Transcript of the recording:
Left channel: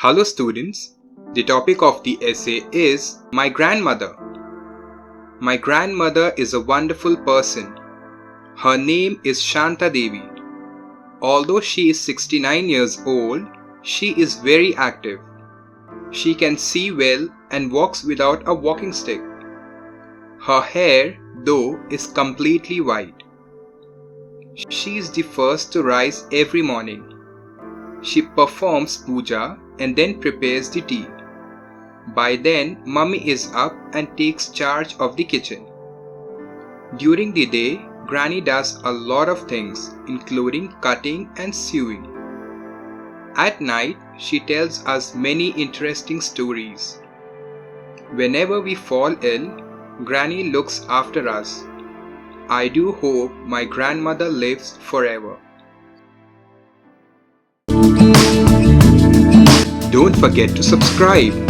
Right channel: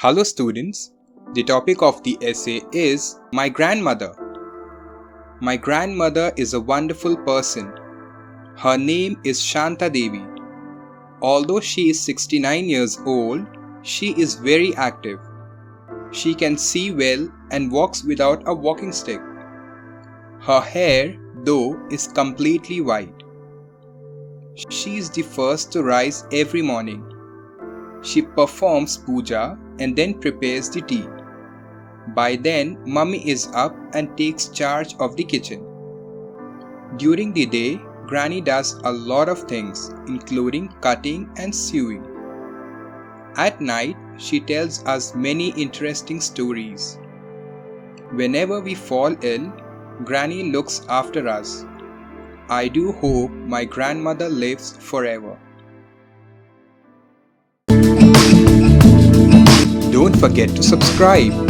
Hello students, the topic of the essay is My Grandmother. My grandmother is a wonderful person. Her name is Shanta Devi. Although she is 69 years old, she is very active. She can see well and walks without a walking stick. Her hair, though, is completely white. She is the first to rise every morning. She performs puja and then prepares the tea. By then, Mummy is up and takes charge of the kitchen. During the day, Granny does a lot of things, including cutting and sewing. At night, she tells us many interesting stories. Whenever we fall ill, Granny looks after us. I do hope my grandmother lives forever. Don't forget to subscribe.